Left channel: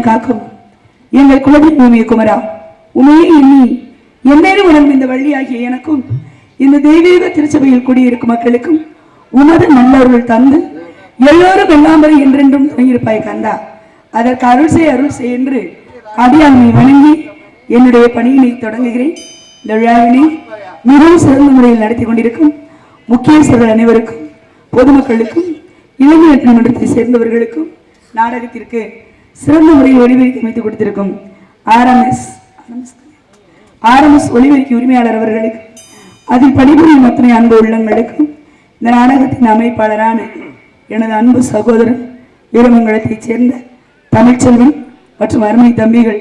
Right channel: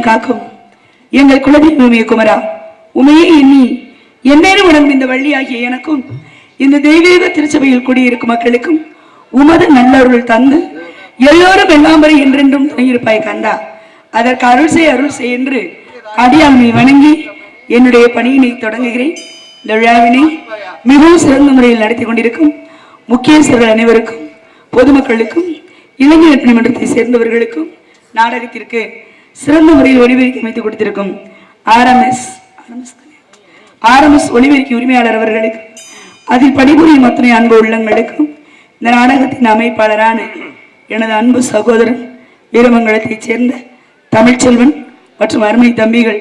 எல்லாம் காக்கும் எங்கள் குலதெய்வமே குமரா, உமையே எண்ணி எந்நேரம் உணர்ந்த இந்த வள்ளியாகிய எனக்கும் இந்த தெய்வீக திருச்சபையில் கூடியிருக்கும் மக்களுக்கும் உமது நல்லருள் தந்து எல்லோரும் எல்லாமரை என்றென்றும் துணையிருப்பாய் கந்தா. அதற்கு அருள் செய் என்று அடியாண்மை வணங்கி என்னுடைய பணியினை தொடங்குகிறேன். இந்த விழாவினை மிகவும் சிறந்த முறையில் நடத்தி கொண்டிருக்கும் முக்கியஸ்தர்கள் அனைவருக்கும், பொதுமக்களுக்கும், இளைஞர் மன்றத்தை சேர்ந்தவர்களுக்கும், நாடகத்திற்கு சிறந்த முறையில் ஒளிபெருக்கி அமைத்துக் கொடுத்திருக்கும் RMS ஒளிபெருக்கி உரிமையாளர் அவர்களுக்கு, அதில் பணிபுரியும் அத்தனை அன்பு உள்ளங்களுக்கும், இந்த நாடகத்தின் அமைப்பாளரான எனது அன்பு சகோதரன் வீரமங்கலத்தைச் சேர்ந்த தமிழ்ச்செல்வன் மற்றும் அருமை தம்பிகள்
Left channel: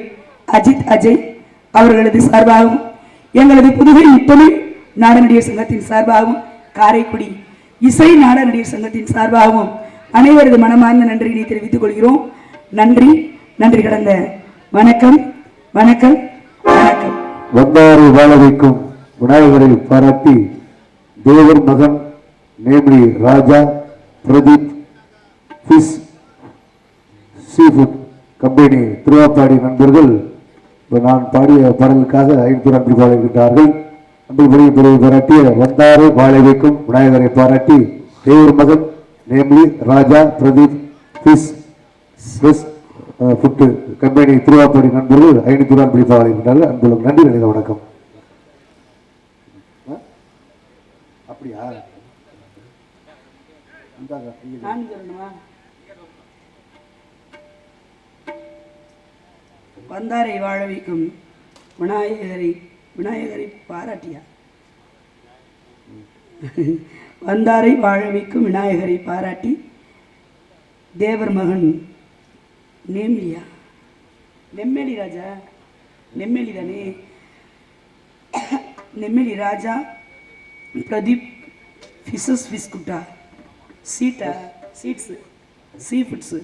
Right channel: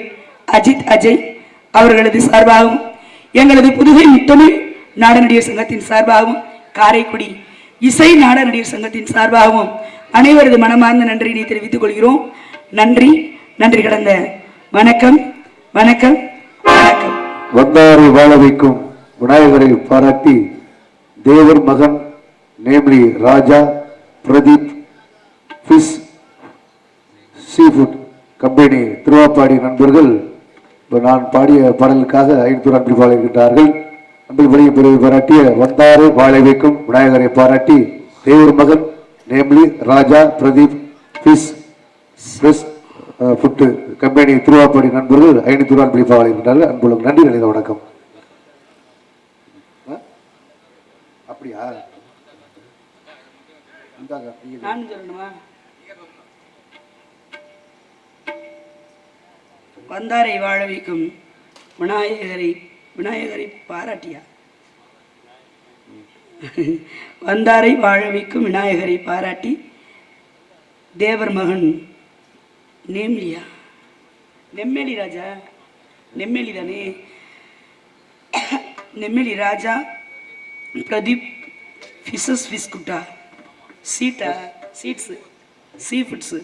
அஜித், அஜய் அவர்களது சார்பாகவும், எங்களது புதுகை முத்தமிழ் நாடநடிகர் சங்கத்தின் சார்பாகவும், காரைக்குடி இசை நாடநடிகர் சங்கத்தின் சார்பாகவும் அனைவரது மனமார்ந்த நன்றியினை தெரிவித்துக் கொள்கிறோம். நன்றி, நன்றி கடந்த வணக்கம், வணக்கம், வணக்கம். வந்தாரை வாழ வைக்கும் விநாயகரை பாராட்டி தேவர் மகன் நேம்லி ராஜா பிரதீப் ஃபிஷ் சீஃபுட் கம்பெனி திருவாப்பாடி நண்பர்கள் நான் பாடிய பாடலுக்காக 500 அன்பு பாடுகின்றார்கள். அன்புபடியை பிறகு பாராட்டிய வந்தாரை வாழ வைக்கும் விநாயகரை பாராட்டி தேவர் மகன் நேம்லி ராஜா பிரதீப் ஃபிஷ் ஃபுட்டு கம்பெனி திருவாப்பாடி நண்பர்கள் 500 அன்பு பாடுகின்றார்கள். அன்புள்ள நன்றி, நினைத வணக்கம். அப்படியா? வந்தாரை வாழ வைக்கும் விநாயகரை பாராட்டியா? வந்தாரை வாழ வைக்கும் விநாயகரை பாராட்டி தேவர் மகன் நேம்லியா, நெம்மேலி ராஜா, நெம்மேலி தானே, நெம்மேலி ராஜா பிரதீப் ஃபிஷஸ் பிஸ்குட்டா சீட்ஸு சீஃபுட்ஸு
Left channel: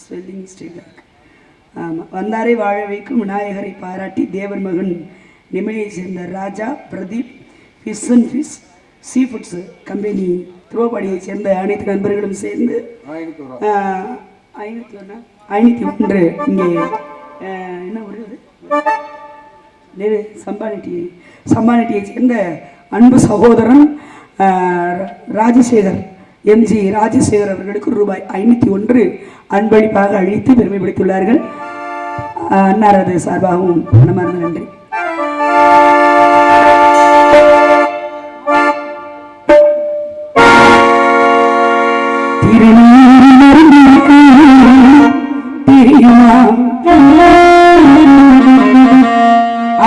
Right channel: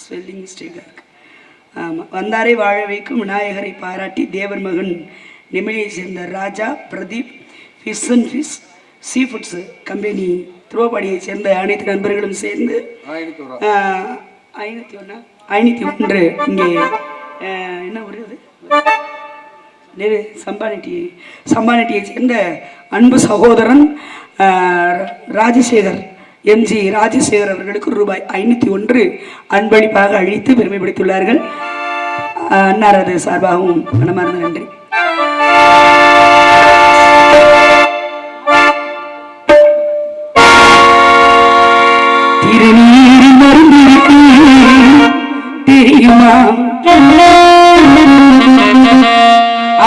ஸ்பெல்லிங் மிஸ்டேக்காக இருக்கு. ஆமாம், வந்தாரை வாழ வைக்கும் விநாயகரை பாராட்டி தேவர் மகன் நெம்மேலியை சேர்ந்த Raja Pradeep fish and fish seafoods company திருவாப்பாடியை சேர்ந்த அனைத்து நண்பர்களும் சேர்ந்து 501 இங்கே என்ன ஒரு சம்பானட்டியை சேர்ந்த அன்பு சகோதரன் ராஜசேகர் MG ராஜசேகர் அவர்களுக்கு ரூபாய் 501 அன்பளிப்பாக அளித்து பெருமைப்படுத்தியுள்ளார்கள். அன்னாரது சார்பாகவும் மனமார்ந்த நன்றி. திருநீரில் மருந்திருக்கு தெரியுமா,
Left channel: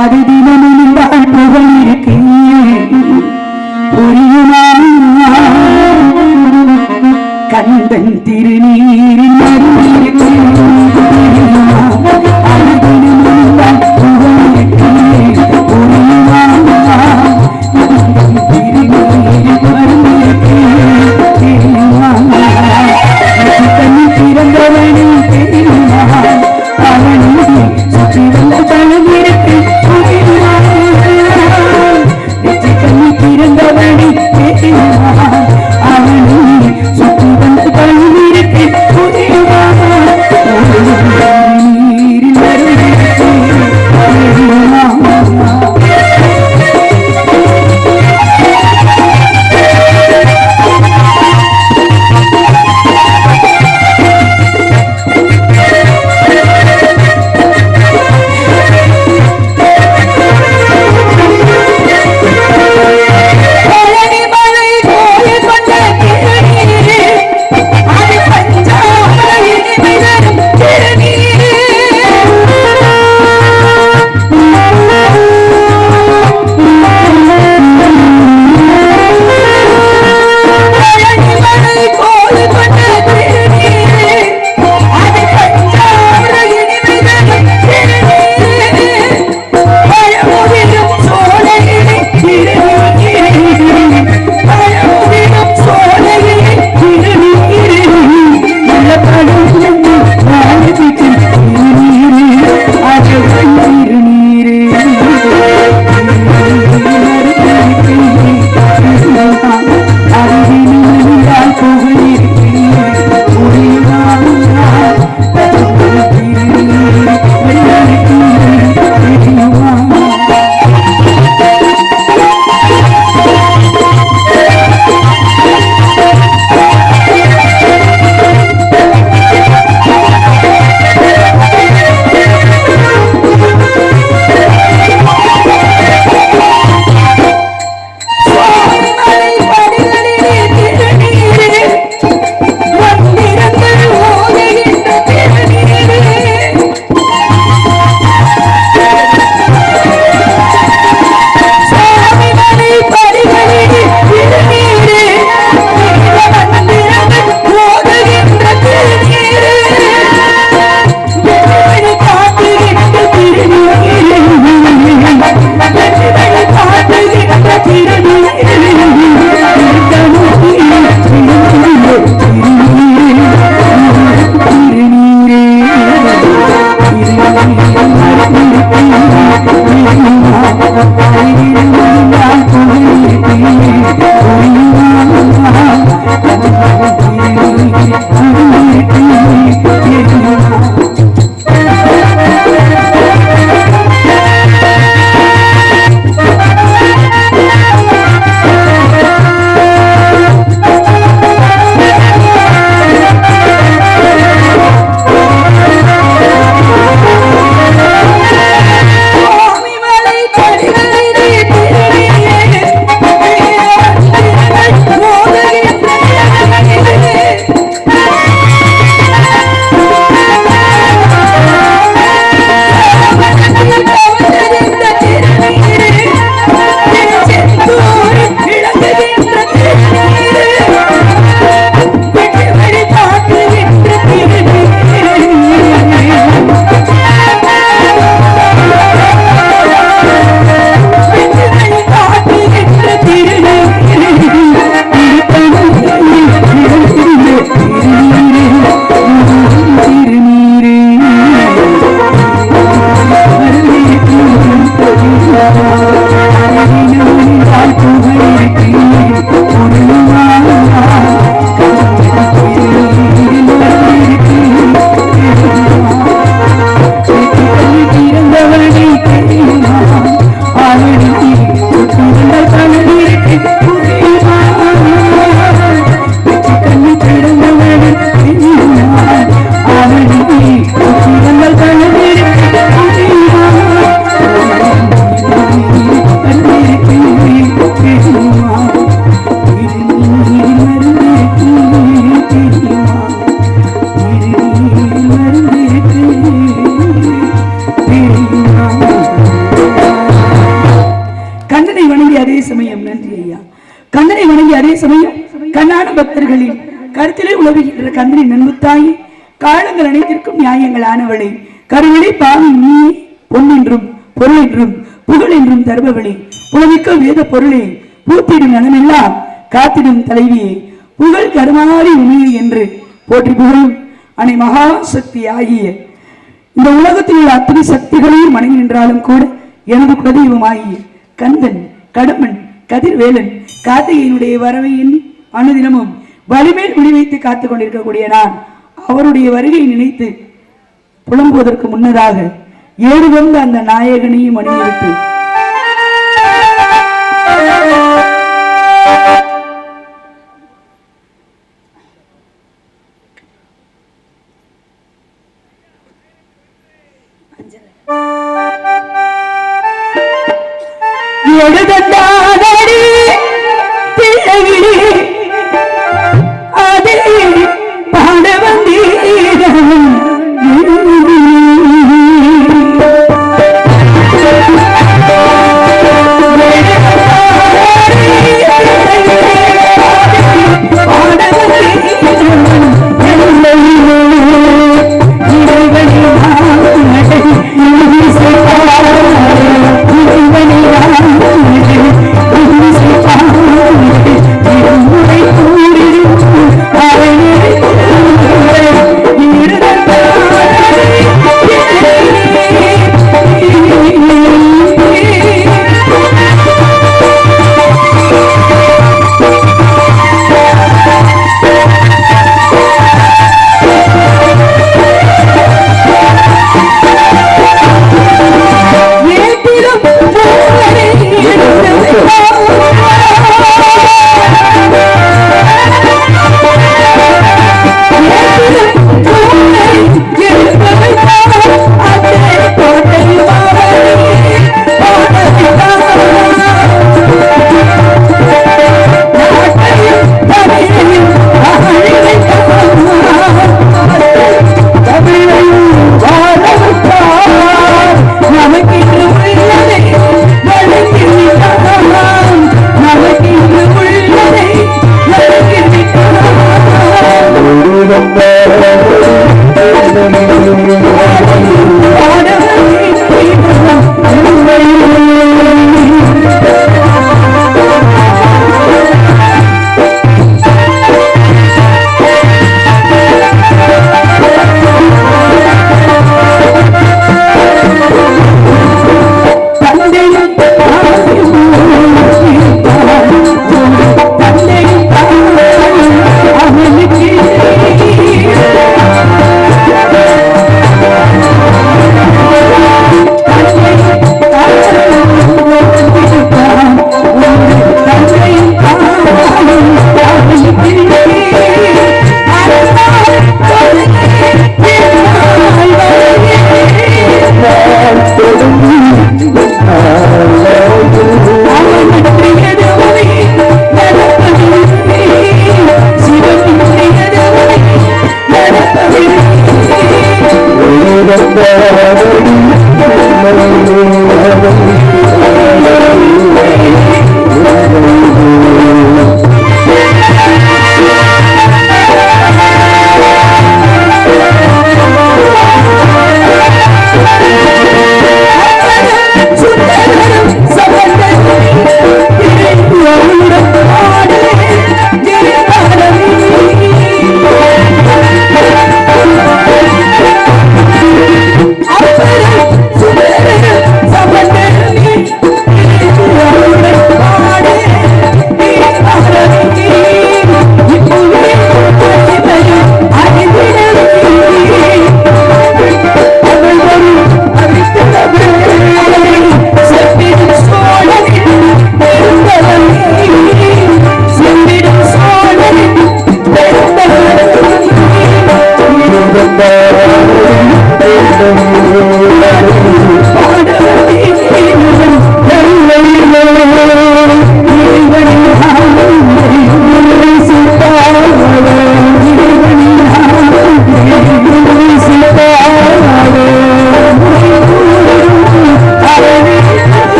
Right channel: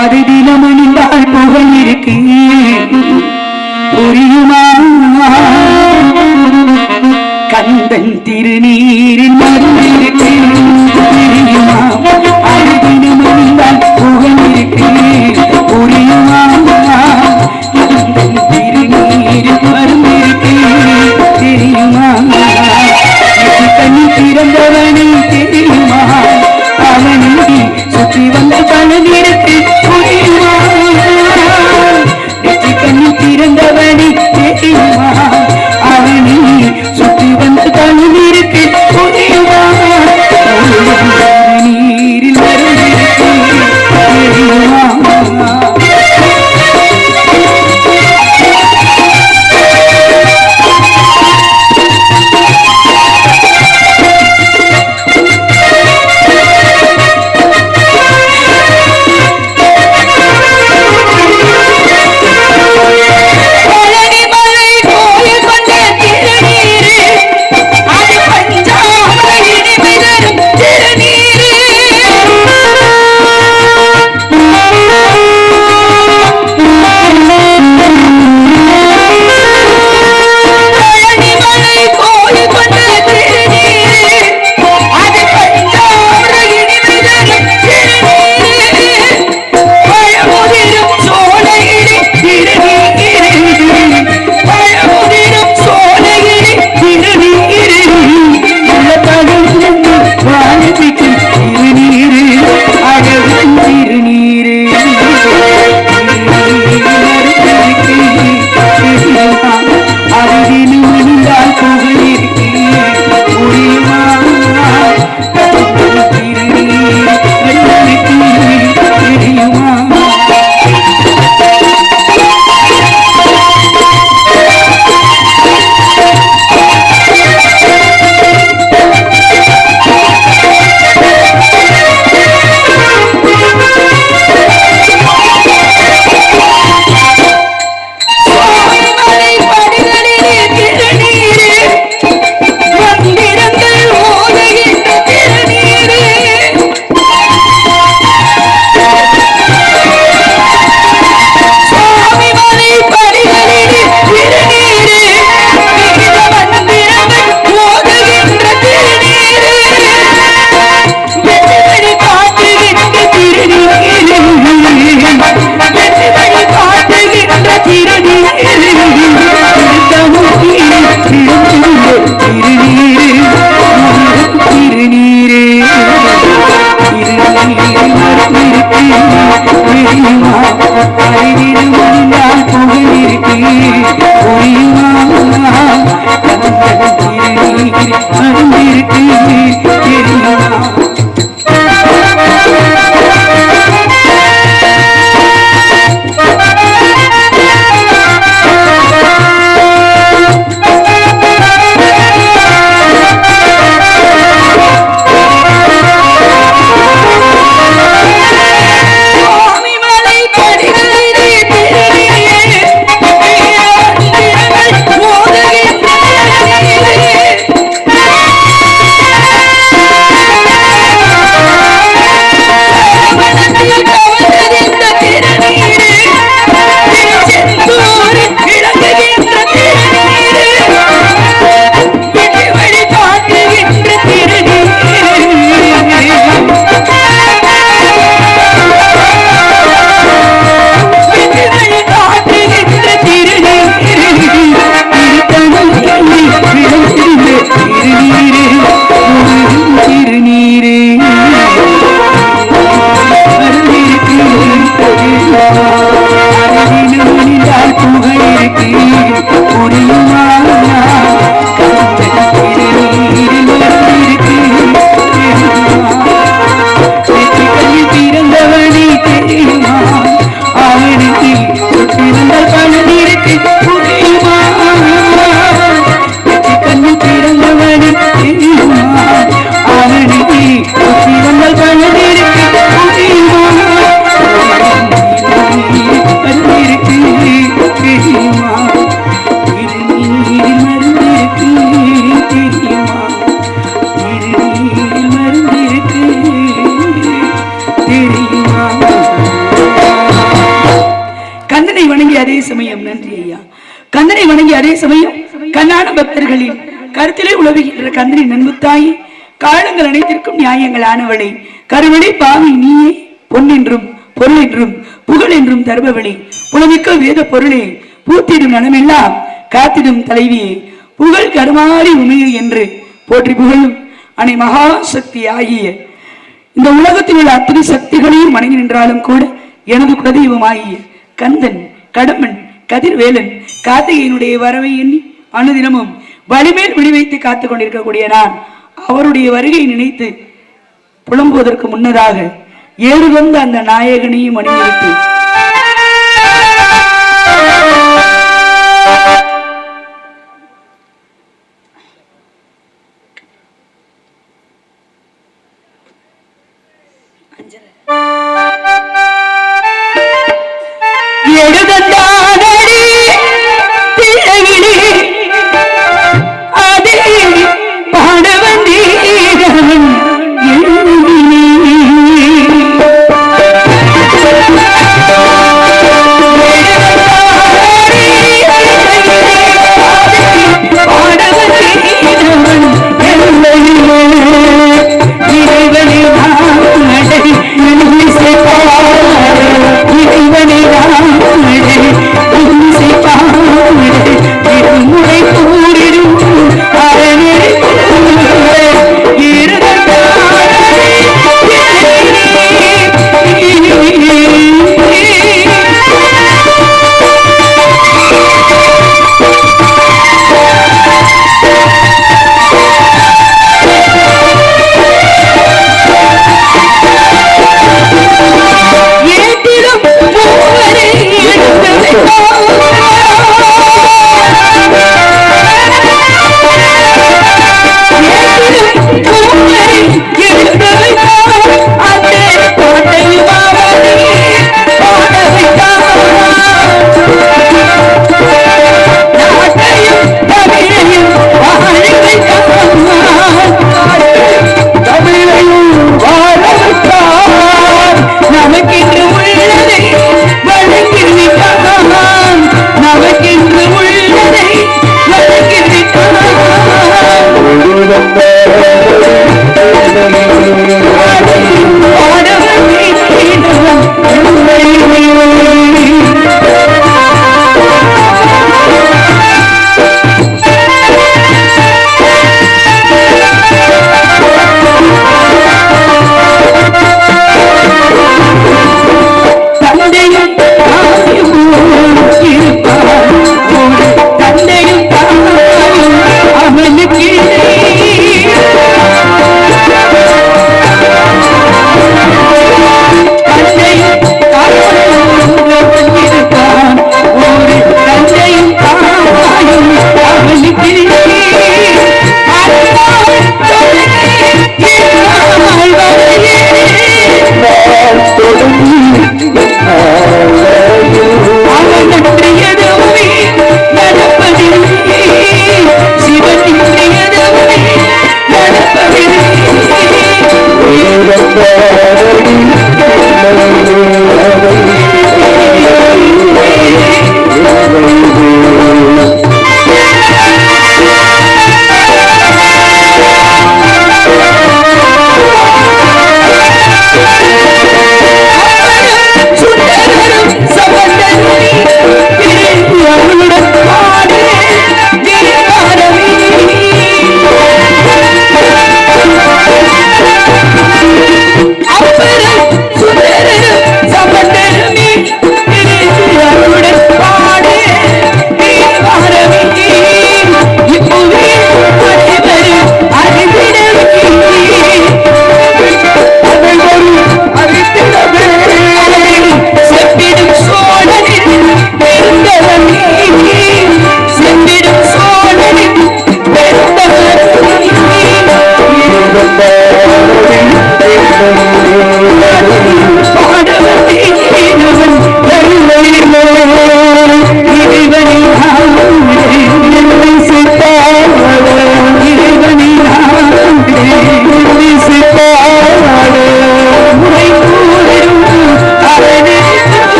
அது தினமணிந்தால் புகழ் இருக்கு புரியுமா, கந்தன் திருநீரில் மருந்திருக்கு தெரியுமா, அது தினமணிந்தால் புகழ் இருக்கு புரியுமா, கந்தன் திருநீரில் மருந்திருக்கு தெரியுமா, கண்ணி பிறந்தவனை தெரியுமா, அவனை சுற்றி வந்த பலன் இருக்கு புரியுமா, கண்ணி பிறந்தவனை தெரியுமா, அவனை சுற்றி வந்த பலன் இருக்கு புரியுமா, நீரில் வணங்கி அதே சமயம் கண்ணான பக்தர்களின் கருத்திலே உழவுகின்ற கந்தனின் நண்புத்தாயி காலங்கள் அனைத்திற்கும் நியாயங்களானவளை கருவிடை பாவி நீயே பொன்னென்றும் பொருள் என்றும் புகழ் என்றும் தருபவளே புலமிக்க வேத பொருளே பூத்திடும் நலமெல்லாம் காத்திடும் தலைவியே புகழ் கருமாறி உமையை என்று போற்றி புகழும் அனை மகாசக்தி ஆகிய இந்த உலகத்தில் உள்ள அத்தனை சக்திகளையும் வணங்கி நின்றாலும் கூட எனது குலதெய்வமாகிய கந்தன் கடம்பன் கதிர்வேலன் கார்த்திகையினுடைய வரவை எண்ணி அனுதினமும் வலிமேல் விழி வைத்து காத்துக் கொண்டிருக்கக்கூடிய நான் அவருடைய வருகை நினைத்து புலம்புவதற்கு முன்னதாக ஏறு வந்த அந்த நாயகனையும் அணிவித்து எழுதந்தானடி திரையிலே அதே பாட வந்தீரவன் இறைவனை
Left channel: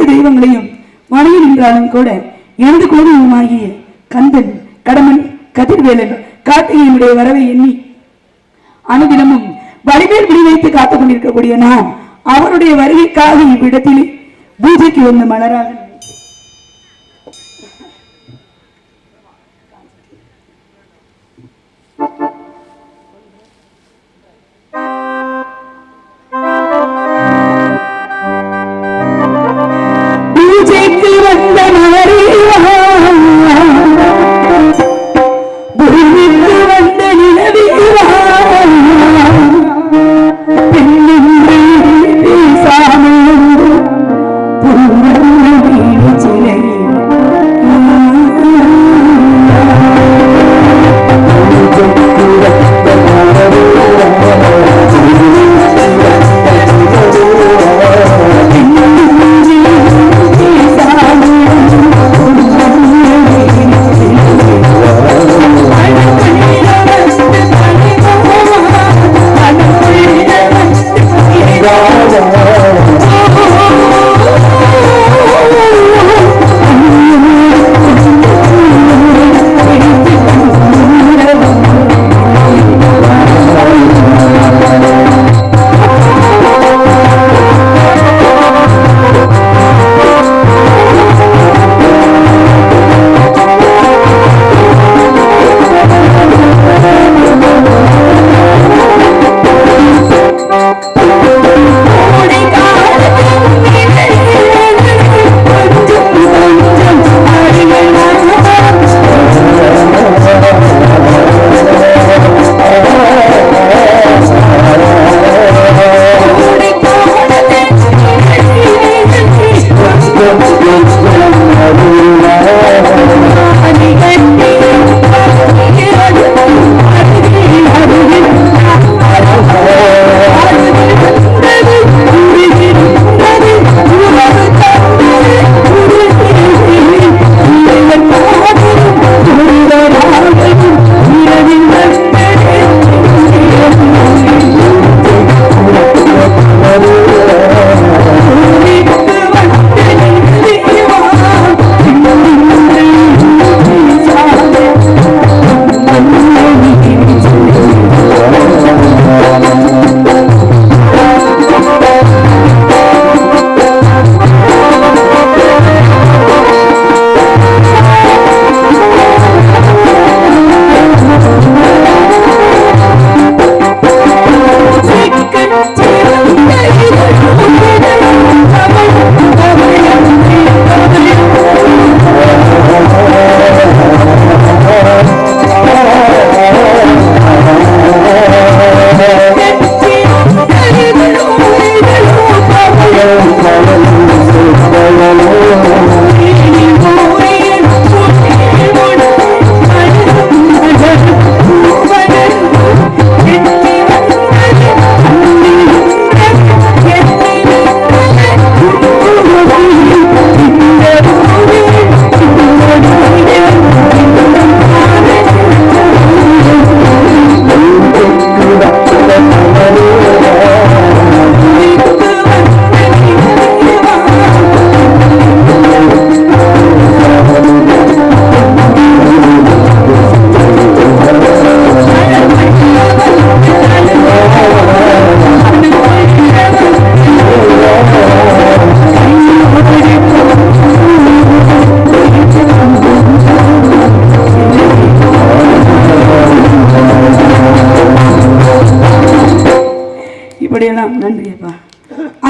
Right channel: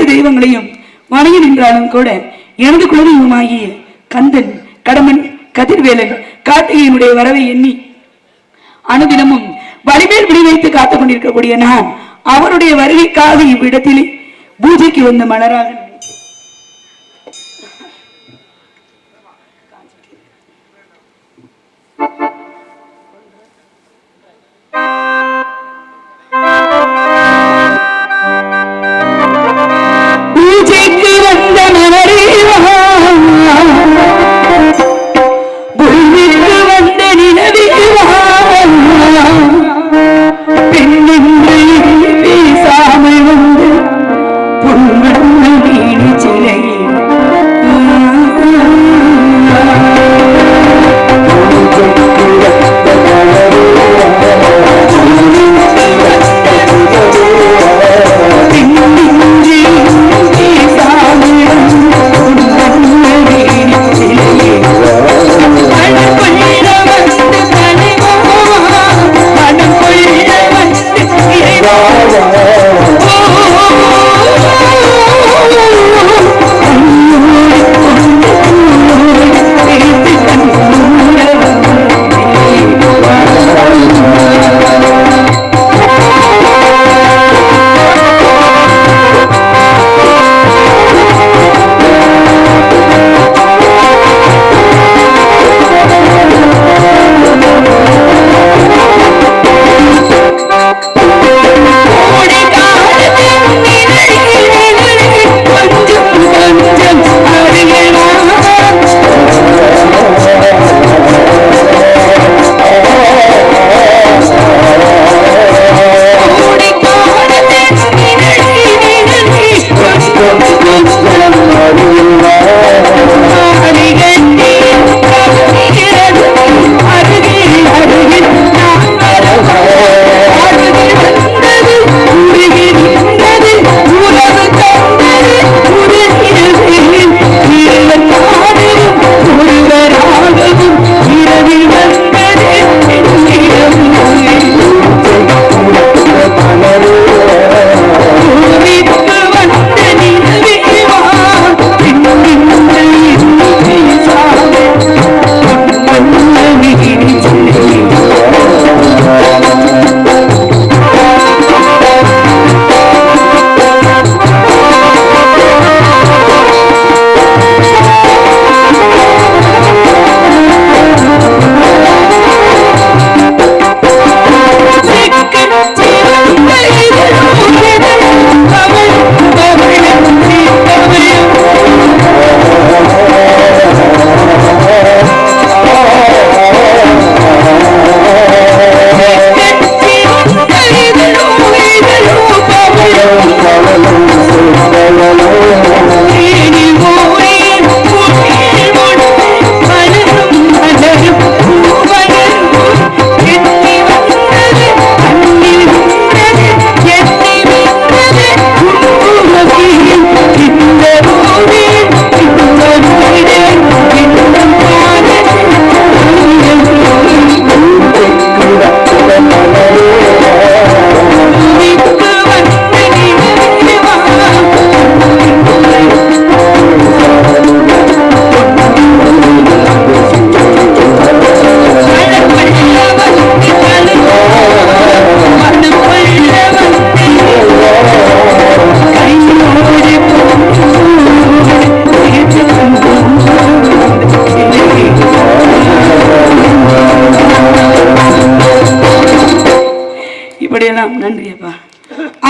அனைத்து தெய்வங்களையும் வணங்கி நின்றாலும் கூட எனது குலதெய்வமாகிய கந்தன், கடமன், கதிர்வேலன், கார்த்திகையினுடைய வரவை எண்ணி அனுதினமும் வலிமேல் விடி வைத்து காத்துக் கொண்டிருக்கக்கூடிய நான் அவருடைய வருகைக்காக இவ்விடத்திலே பூஜைக்கு வந்த மலராக பூஜைக்கு வந்த மலரேவா, பூமிக்கு வந்த நிலவேவா, பெண்ணின்று பேசாமல் வந்து பொன்வண்ண வீடு சிலையே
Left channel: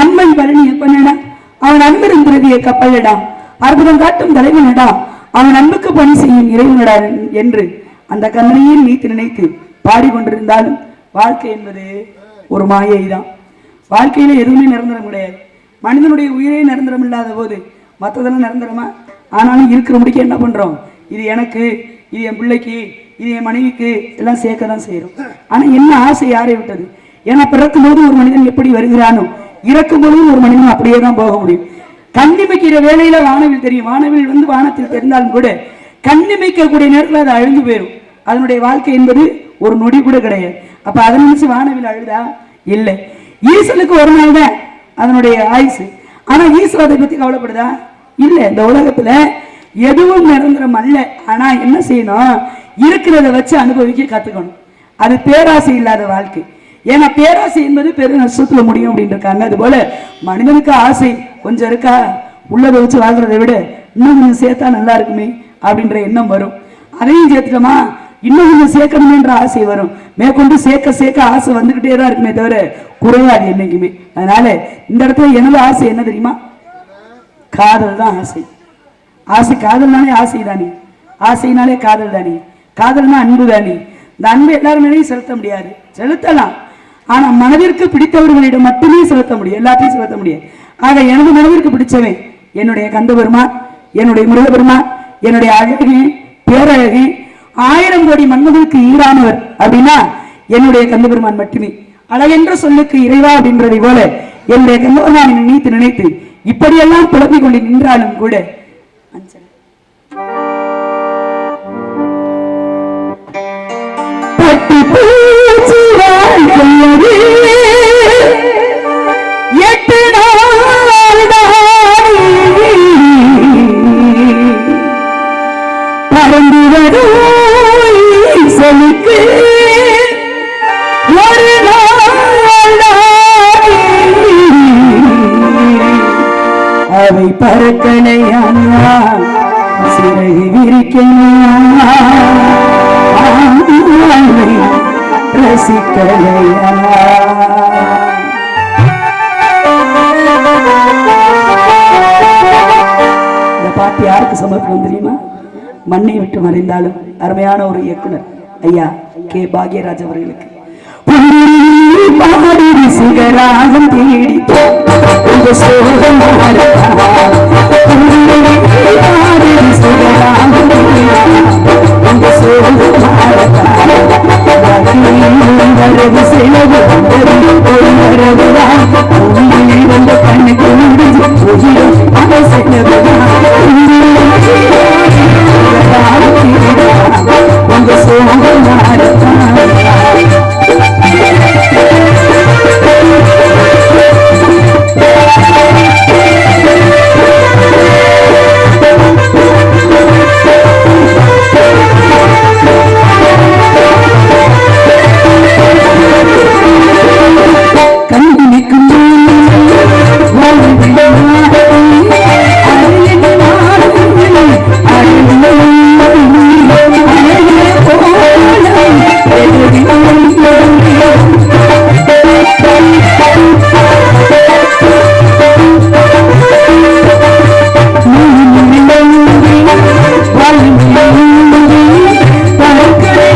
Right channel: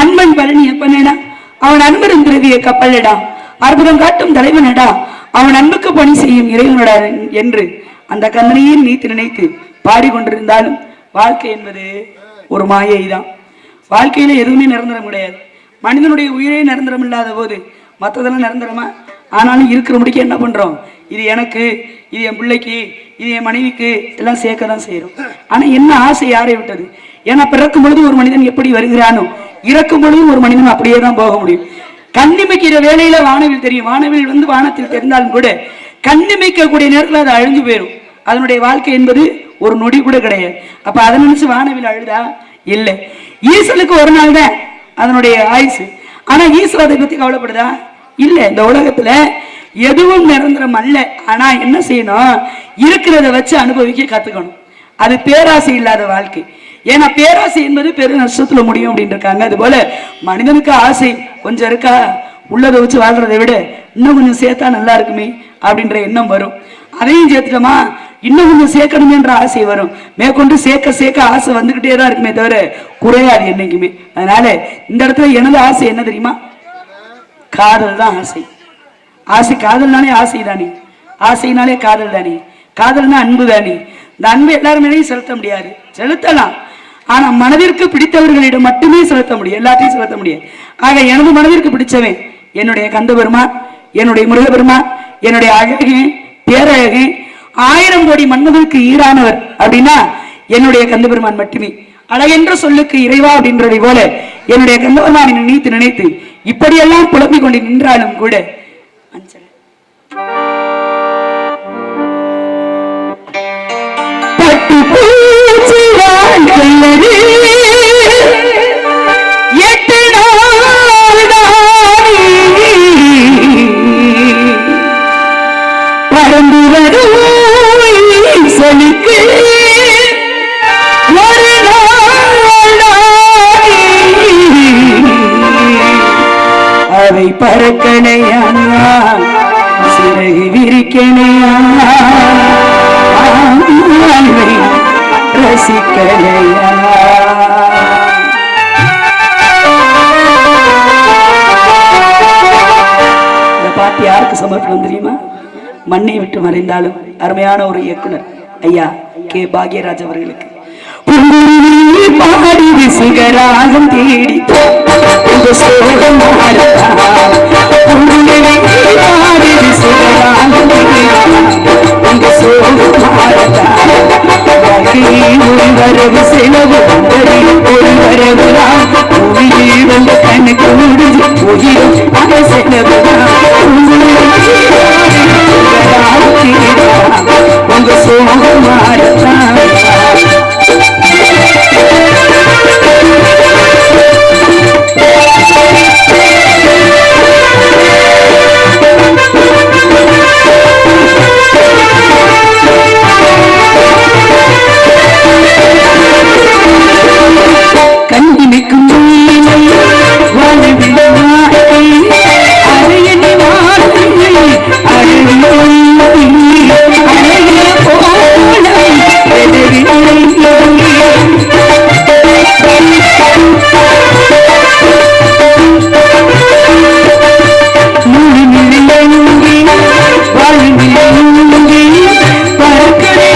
அன்பன் பழனி எப்பனடா, அவன் அன்பரும் திரவிய கப்பலடா, அற்புதம் காட்டும் தலைவனடா, அவன் அன்புக்கு பணி செய்யும் இறைவனடா என்று அந்த கந்தனையே நீத்து நினைத்து பாடிக்கொண்டிருந்தாலும் வாழ்க்கை என்பது ஒரு மாயை தான். வாழ்க்கையில எதுவுமே நிரந்தரம் கிடையாது. மனிதனுடைய உயிரே நிரந்தரம் இல்லாத போது மற்றதெல்லாம் நிரந்தரமா? ஆனாலும் இருக்கிற முடிக்க என்ன பண்றோம்? இது எனக்கு, இது என் பிள்ளைக்கு, இது என் மனைவிக்கு எல்லாம் சேர்க்க தான் செய்யறோம். ஆனா என்ன ஆசை யாரை விட்டது? ஏன்னா பிறக்கும் பொழுது ஒரு மனிதன் எப்படி வருகிறானோ இறக்கும் பொழுதும் ஒரு மனிதன் அப்படியே தான் போக முடியும். கண்ணிமைக்கிற வேலையில வானவில் தெரியும். வானவில் வந்து வானத்தில் தெரிந்தாலும் கூட கண்ணிமைக்கக்கூடிய நேரத்தில் அது அழிஞ்சு போயிடும். அதனுடைய வாழ்க்கை என்பது ஒரு நொடி கூட கிடையாது. அப்ப அதை நினைச்சு வானவில் அழுதா இல்லை. ஈசலுக்கு ஒரு நாள் தான் அதனுடைய ஆயுசு. ஆனா ஈஸ்வர அதை பத்தி கவலைப்படுதா? இல்ல. இந்த உலகத்துல எதுவும் நிரந்தரம் அல்ல. ஆனா என்ன செய்யணும்? இருக்கிறத வச்சு அனுபவிக்க கத்துக்கணும். அது பேராசை இல்லாத வாழ்க்கை. ஏன்னா பேராசை என்பது பெரு நஷ்டத்துல முடியும் அப்படின்னு இருக்காங்க. அது போல மனிதனுக்கு ஆசை கொஞ்சம் இருக்கா, உள்ளதை வச்சு வாழ்றதை விட இன்னும் கொஞ்சம் சேர்த்தா நல்லா இருக்குமே அப்படின்ற எண்ணம் வரும். அதையும் சேர்த்துட்டோமா இன்னும் கொஞ்சம் சேர்க்கணுமேன்ற ஆசை வரும். மேற்கொண்டு சேர்க்க சேர்க்க ஆசை வந்துகிட்டே தான் இருக்குமே தவிர குறையாது என்னைக்குமே. அதனால இந்த இடத்துல எனது ஆசை என்ன தெரியுமா? காதல் தான் ஆசை. ஆசை காதல்னாலே ஆசை தானே, ஆசைனாலே காதல் தானே, காதல்னா அன்பு தானே. இந்த அன்பு எல்லாருமே செலுத்த முடியாது, செலுத்தலாம். ஆனா மனதிற்கு பிடித்தவர்களிடம் மட்டுமே செலுத்த முடியும், எல்லாத்தையும் செலுத்த முடியாது. ஆக எனது மனதிற்கு பிடிச்சவன் என்னுடைய கந்த பெருமான், என்னுடைய முருகபெருமான், என்னுடைய அழகு பேரழகு 1000 கோடி மன்னதற்கு ஈரானவர் அப்படின்னா என்னுடைய கந்த பெருமான் மட்டுமே. அழகென்ற சொல்லுக்கு இறைவா அப்படின்றதை போல என்னுடைய கந்த பெருமானை நினைத்து நினைத்து இப்படியெல்லாம் புலம்பிக் கொண்டு நின்றாலும் கூட பட்டு பூச்சி வாழ்க்கையது 8 நாள் பறந்து வரும் ஈசனுக்கு ஒரு நாள் அவை பறக்கணையா, சிறகு விரிக்கணையா, ரசிக்கலையா. இந்த பாட்டு யாருக்கு சமர்ப்பணம் தெரியுமா? மண்ணை விட்டு மறைந்தாலும் அருமையான ஒரு இயக்குனர் ஐயா கே பாக்யராஜ் அவர்களுக்கு. பாடி விசுகராகம் தேடி சோகம் பாடி விசுகராகம் வரவு செலவு ஒரு வரவுதான் வந்த கண்ணுக்கு முடிஞ்சு உயிரும் அந்த செலவுதான் உங்க சோகம் மாறத்தான். கண்ணிக்கும் பறக்கடை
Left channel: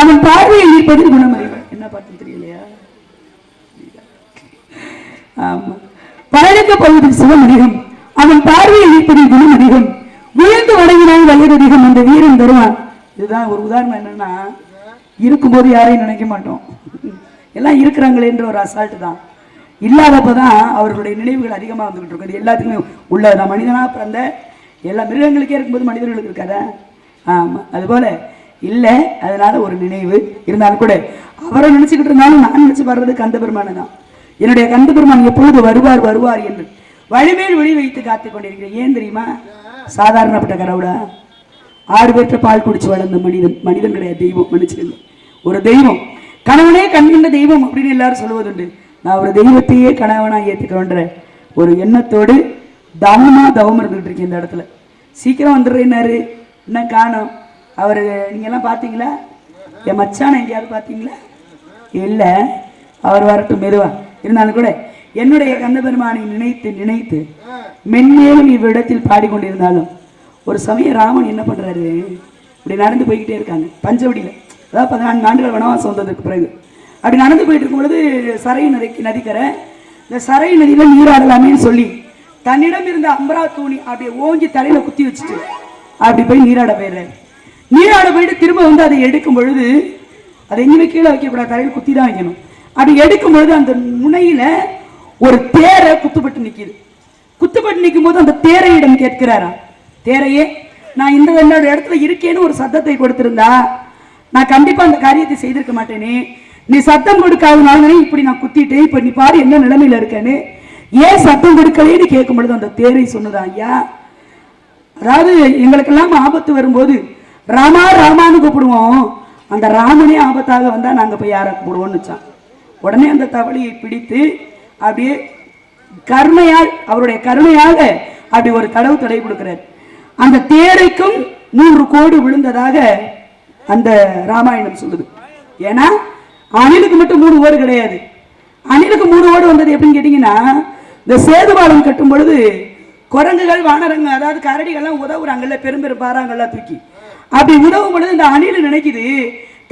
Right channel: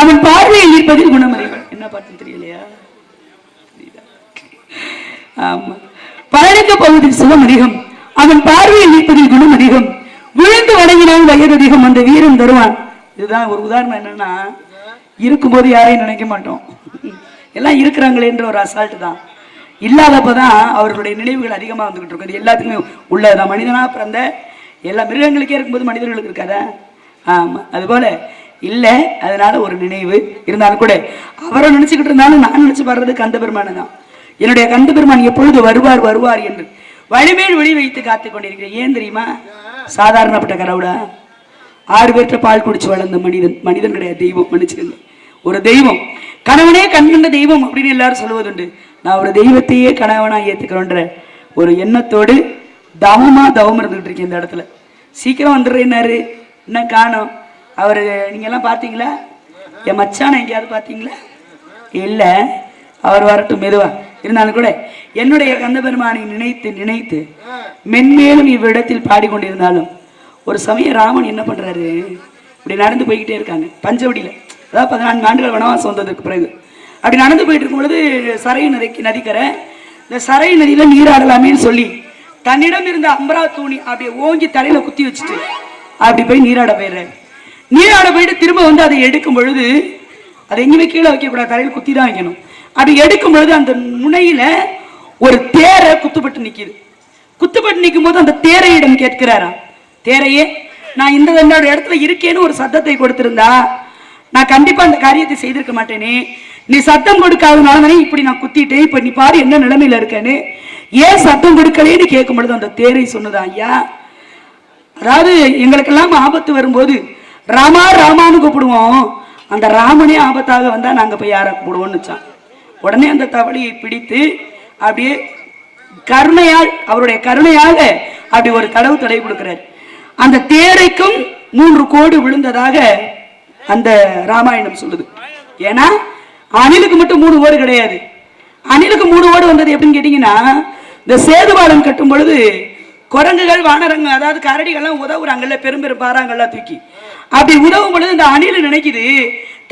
அவன் பார்வையில் இருப்பதில் குணமறிவன். என்ன பாட்டு தெரியலையா? ஆமா. பழனிக்க பகுதியில் சுகம் அதிகம், அவன் பார்வையில் இருப்பதில் குணம் அதிகம், விழுந்து வணங்கினால் வயது அதிகம், அந்த வீரன் தருவான். இதுதான் ஒரு உதாரணம். என்னன்னா, இருக்கும்போது யாரையும் நினைக்க மாட்டோம், எல்லாம் இருக்கிறாங்களேன்ற ஒரு அசால்ட்டு தான். இல்லாதப்பதான் அவர்களுடைய நினைவுகள் அதிகமாக வந்துகிட்டு இருக்கும். அது எல்லாத்துக்குமே உள்ளதுதான். மனிதனா பிறந்த எல்லா மிருகங்களுக்கே இருக்கும்போது மனிதர்களுக்கு இருக்காதா? ஆமா, அதுபோல இல்லை. அதனால ஒரு நினைவு இருந்தாலும் கூட அவரை நினைச்சுக்கிட்டு இருந்தாலும் நான் நினைச்சு பாடுறது கந்த பெருமானை தான். என்னுடைய கந்த பெருமான் எப்பொழுது வருவார் வருவார் என்று வழிமேல் விழி வைத்து காத்துக் கொண்டிருக்கிறேன். ஏன் தெரியுமா? சாதாரணப்பட்ட கடவுளா? 6 பேர்கிட்ட பால் குடிச்சு வளர்ந்த மனிதன் கிடையாது, தெய்வம். மன்னிச்சுக்கங்க, ஒரு தெய்வம். கணவனே கண்கண்ட தெய்வம் அப்படின்னு எல்லாரும் சொல்லுவதுண்டு. நான் ஒரு தெய்வத்தையே கணவனா ஏத்துக்கிறோன்ற ஒரு எண்ணத்தோடு தவம் இருந்துகிட்டு இருக்கேன் இந்த இடத்துல. சீக்கிரம் வந்துடுறேன்னாரு, இன்னும் காணோம். அவரு நீங்க எல்லாம் பார்த்தீங்களா? என் மச்சான எங்கேயாவது பார்த்தீங்களா? இல்லை, அவர் வரட்டும் மெதுவா. இருந்தாலும் கூட என்னுடைய கந்த பெருமானை நினைத்து நினைத்து மென்மேலும் இவ்விடத்தில் பாடிக்கொண்டிருந்தாலும் ஒரு சமயம் ராமன் என்ன பண்றாரு, இப்படி நடந்து போய்கிட்டே இருக்காங்க பஞ்சவடியில. அதாவது 14 ஆண்டுகள் வனவாசம் வந்ததுக்கு பிறகு அப்படி நடந்து போயிட்டு இருக்கும் பொழுது சரை நதிக்கரை, இந்த சரை நதியில நீராடலாமேன்னு சொல்லி தன்னிடம் இருந்த அம்பரா தூணி அப்படியே ஓங்கி தலையில குத்தி வச்சுட்டு அப்படி போய் நீராட போயிடுறாரு. நீராட போயிட்டு திரும்ப வந்து அதை எடுக்கும் பொழுது, அதை எங்கேயுமே கீழே வைக்கக்கூடாது, தலையில் குத்தி தான் வைக்கணும். அப்படி எடுக்கும் பொழுது அந்த முனையில ஒரு தேரை குத்துப்பட்டு நிக்குது. குத்துப்பட்டு நிற்கும் போது அந்த தேரையிடம் கேட்கிறாரா, தேரையே, நான் இந்த இடத்துல இருக்கேன்னு ஒரு சத்தத்தை கொடுத்திருந்தா நான் கண்டிப்பா அந்த காரியத்தை செய்திருக்க மாட்டேனே. நீ சத்தம் கொடுக்காதனால தானே இப்படி நான் குத்திட்டேன். இப்ப நீ பாரு என்ன நிலைமையில இருக்கேன்னு. ஏன் சத்தம் கொடுக்கலேன்னு கேட்கும் பொழுது அந்த தேரை சொன்னதா, ஐயா, அதாவது எங்களுக்கெல்லாம் ஆபத்து வரும்போது ராமா ராமான்னு கூப்பிடுவோம், அந்த ராமனே ஆபத்தாக வந்தா நாங்க போய் யாரை கூப்பிடுவோம்னு. உடனே அந்த தவளையை பிடித்து அப்படியே கருணையால், அவருடைய கருணையாக அப்படி ஒரு தடவை கொடுக்கிறார். அந்த தேரைக்கும் 3 கோடு விழுந்ததாக அந்த ராமாயணம் சொல்லுது. ஏன்னா அணிலுக்கு மட்டும் 3 ஓடு கிடையாது. அணிலுக்கு 3 ஓடு வந்தது எப்படின்னு கேட்டீங்கன்னா, இந்த சேதுபாலம் கட்டும் பொழுது குரங்குகள் வானரங்க அதாவது கரடிகள்லாம் உதவுறாங்கல்ல, பெரும் பாறாங்கள்லாம் தூக்கி அப்படி உதவும் பொழுது இந்த அணில் நினைக்குது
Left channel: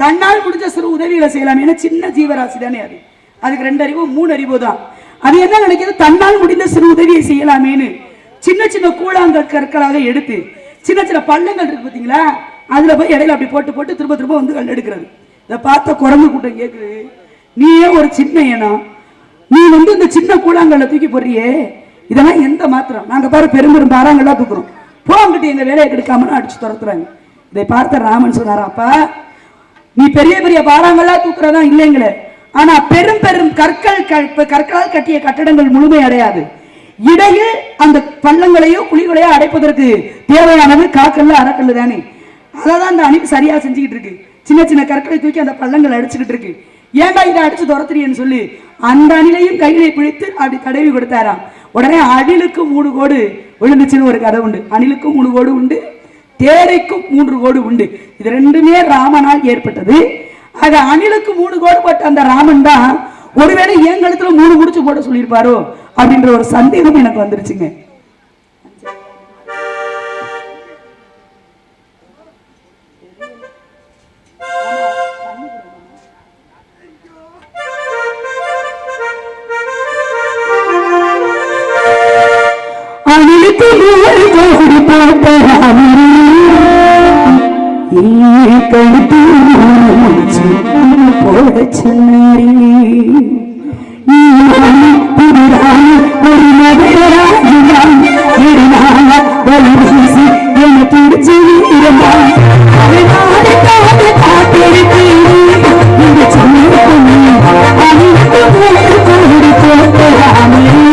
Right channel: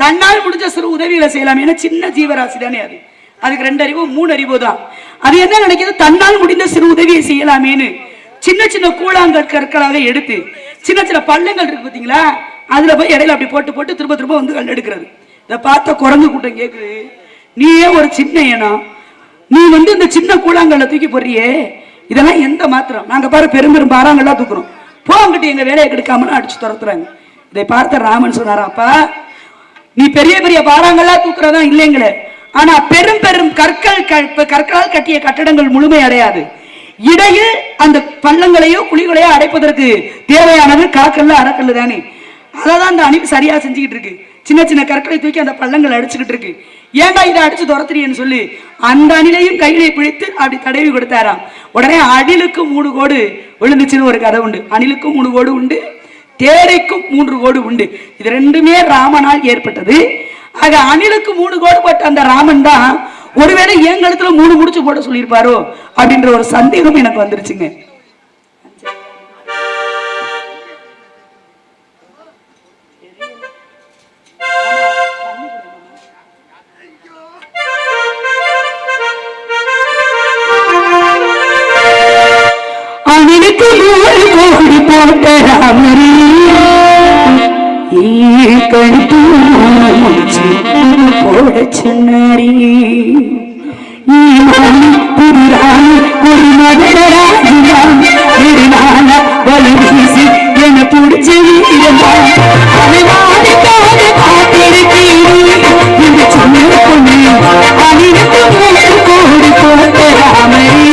தன்னால் முடிஞ்ச சிறு உதவிகளை செய்யலாம். ஏன்னா சின்ன ஜீவராசி தானே அது, அதுக்கு 2 அறிவோ 3 அறிவோ தான். அது என்ன நினைக்குது, தன்னால் முடிந்த சிறு உதவியை செய்யலாமேன்னு சின்ன சின்ன கூழாங்கல் கற்களாக எடுத்து சின்ன சின்ன பள்ளங்கள் இருக்கு பார்த்தீங்களா, அதுல போய் இடையில அப்படி போட்டு போட்டு திரும்ப திரும்ப வந்து கல் எடுக்கிறது. இதை பார்த்த குரங்கு கூட்டம் கேட்குது, நீயே ஒரு சின்ன ஏனம், நீ வந்து இந்த சின்ன கூழாங்கல்ல தூக்கி போடுறியே, இதெல்லாம் எந்த மாத்திரம், நாங்க பாரு பெரும் பாறாங்கல்லாம் தூக்குறோம், போங்கிட்டு எங்க வேலையை கெடுக்காமனு அடிச்சு துரத்துறாங்க. இதை பார்த்த ராமன் சொன்னாரா, அப்பா நீ பெரிய பெரிய பாறாங்கல்லாம் தூக்குறதா இல்லைங்களே, ஆனா பெரும் பெரும் கற்களால் கட்டிய கட்டடங்கள் முழுமை அடையாது. இடையில் அந்த பள்ளங்களையோ குழிகளையோ அடைப்பதற்கு தேவையானது காக்கல்ல அறக்கல்லு தானே. அதான் அந்த அணில் சரியா செஞ்சுக்கிட்டு இருக்கு. சின்ன சின்ன கற்களை தூக்கி அந்த பள்ளங்களை அடிச்சுக்கிட்டு இருக்கு. ஏன்டா இதை அடிச்சு துரத்துறியன்னு சொல்லி அந்த அணிலையும் கையிலே பிடித்து அப்படி தடவி கொடுத்தாராம். உடனே அணிலுக்கு 3 கோடு விழுந்துச்சுன்னு ஒரு கதை உண்டு. அணிலுக்கும் 3 கோடு உண்டு, தேரைக்கும் 3 கோடு உண்டு. இது 2மே ராமனால் ஏற்பட்டது. ஆக அணிலுக்கு 3 கோடு போட்ட அந்த ராமன் தான் ஒருவேளை என் கழுத்துல 3 முடிச்சு போட சொல்லியிருப்பாரோ அப்படின்ற ஒரு சந்தேகம் எனக்கு வந்துருச்சுங்க. அணிலுக்கு 3 கோடு போட்ட ராமரே, கழுத்து 3 முடிச்சு போட சொன்னாரே, ஒரு மதராஜிதான் நெடுநாள வலி வீசி என பிடிச்ச வீரந்தான் அவனாடுக்காக காத்திருக்கீங்க இந்த சின்ன பொண்ணு அணிலுக்கு 3 கோடி போட்ட ராமரே,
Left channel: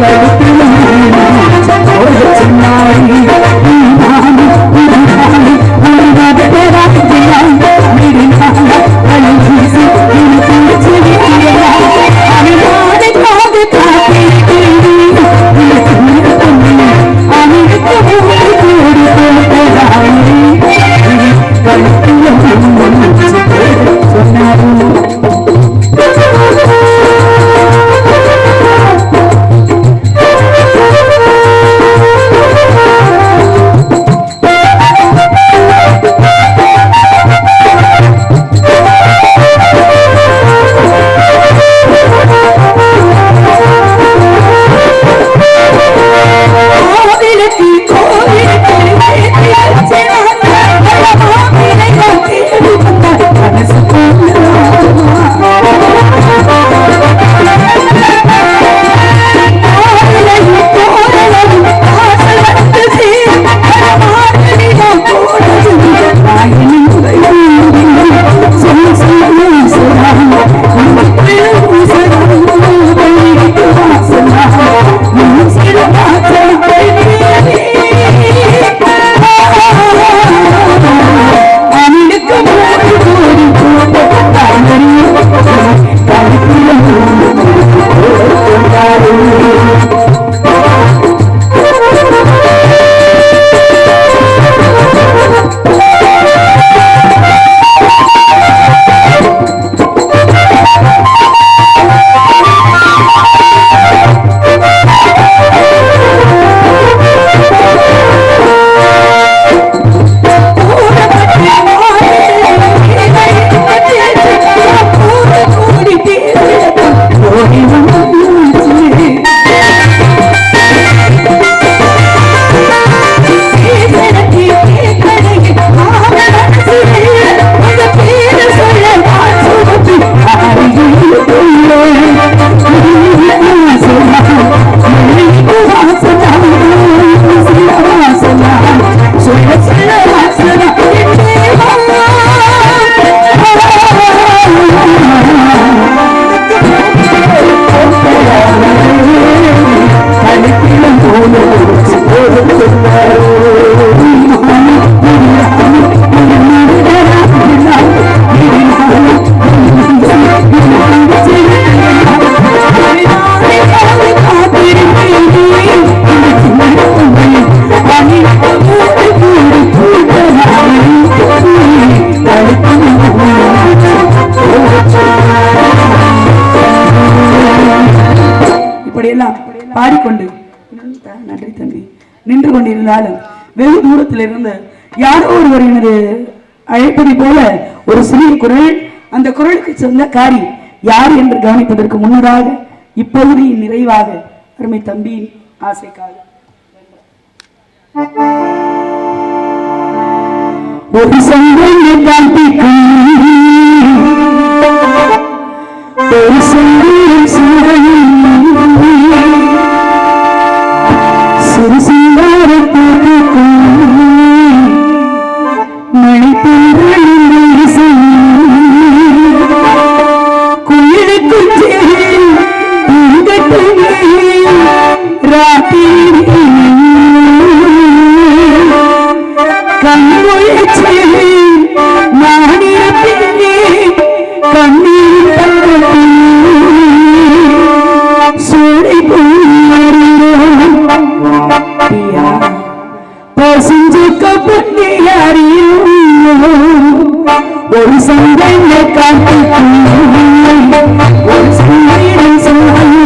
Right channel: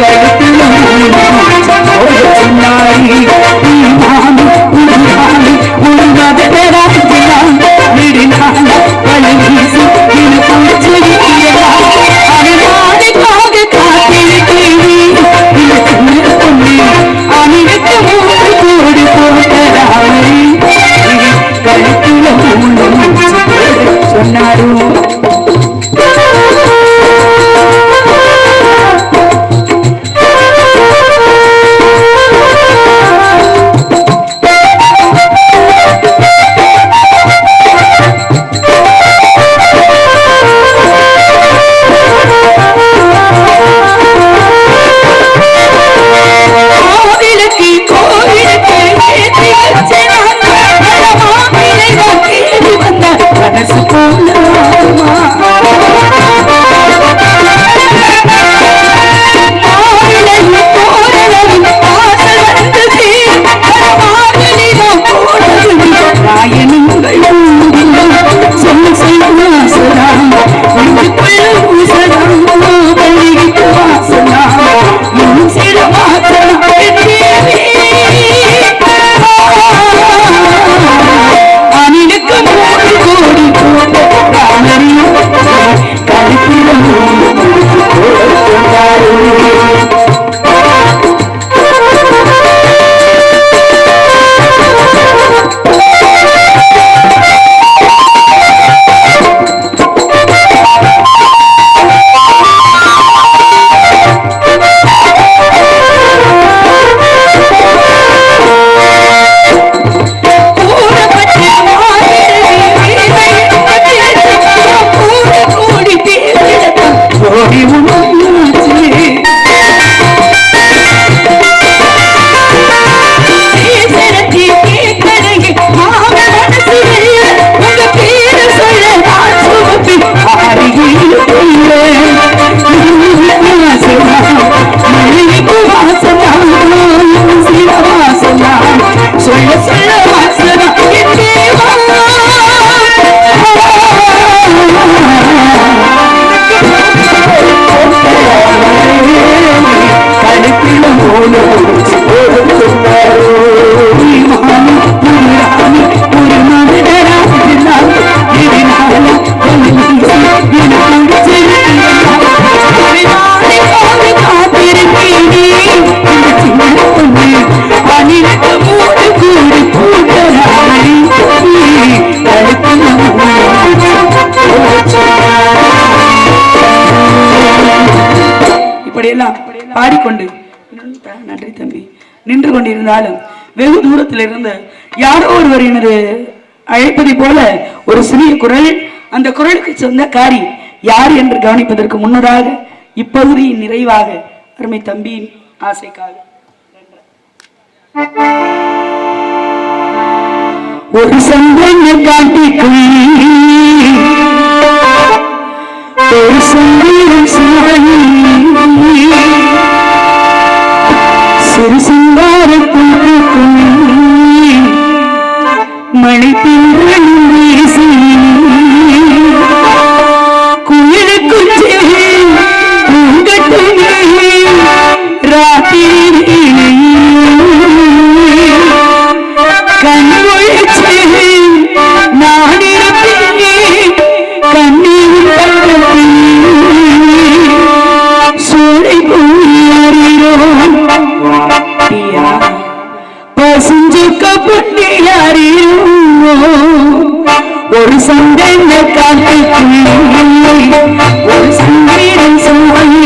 கழுத்துல 3 போட சொன்னாரே, நீ மாமி புரியாமி ஒரு மதராஜிதான் நெடுநாள வலி வீசி என பிடிச்ச வீரந்தான் அவனாடுக்காக காத்திருக்கீங்க இந்த சின்ன பொண்ணு அணிலுக்கு 3 கோடி போட்ட ராமரே, கழுத்துல 3 போட சொன்னாரோ. பாடிக்கொண்டு நன்றி தம்பி நின்று கொண்டிருந்தாலும் வெகு தூரத்தில் இருந்து யாரோ ஒருவர் எனது அழைப்பதை போல ஒரு சிறிய குரல், அந்த குரலுக்கு சொந்தக்காரி யார் என்று கவனிப்பதற்கு முன்னதாக இப்பகுதியின் நிறைவாக அருமை தம்பியின் ஆசைக்காக ஒரு சந்தங்கள் காட்டிக்கும் ஒரு சந்தீரம் சிறு சிங்காரத்தூக்கும் மணி குயிலுக்கும் பூங்கட்டும் ராத்திரி கண்மொழிச்சு நான் இருப்பேன் கண்ணீரின் பக்கத்தில் சூளை பொழியாரீரோம் பசுஞ்சுக்க பொன்னியாரீரோம் ஒரு சந்தன காட்டுக்குள்ளே ஒரு சங்கீதம் சொல்லி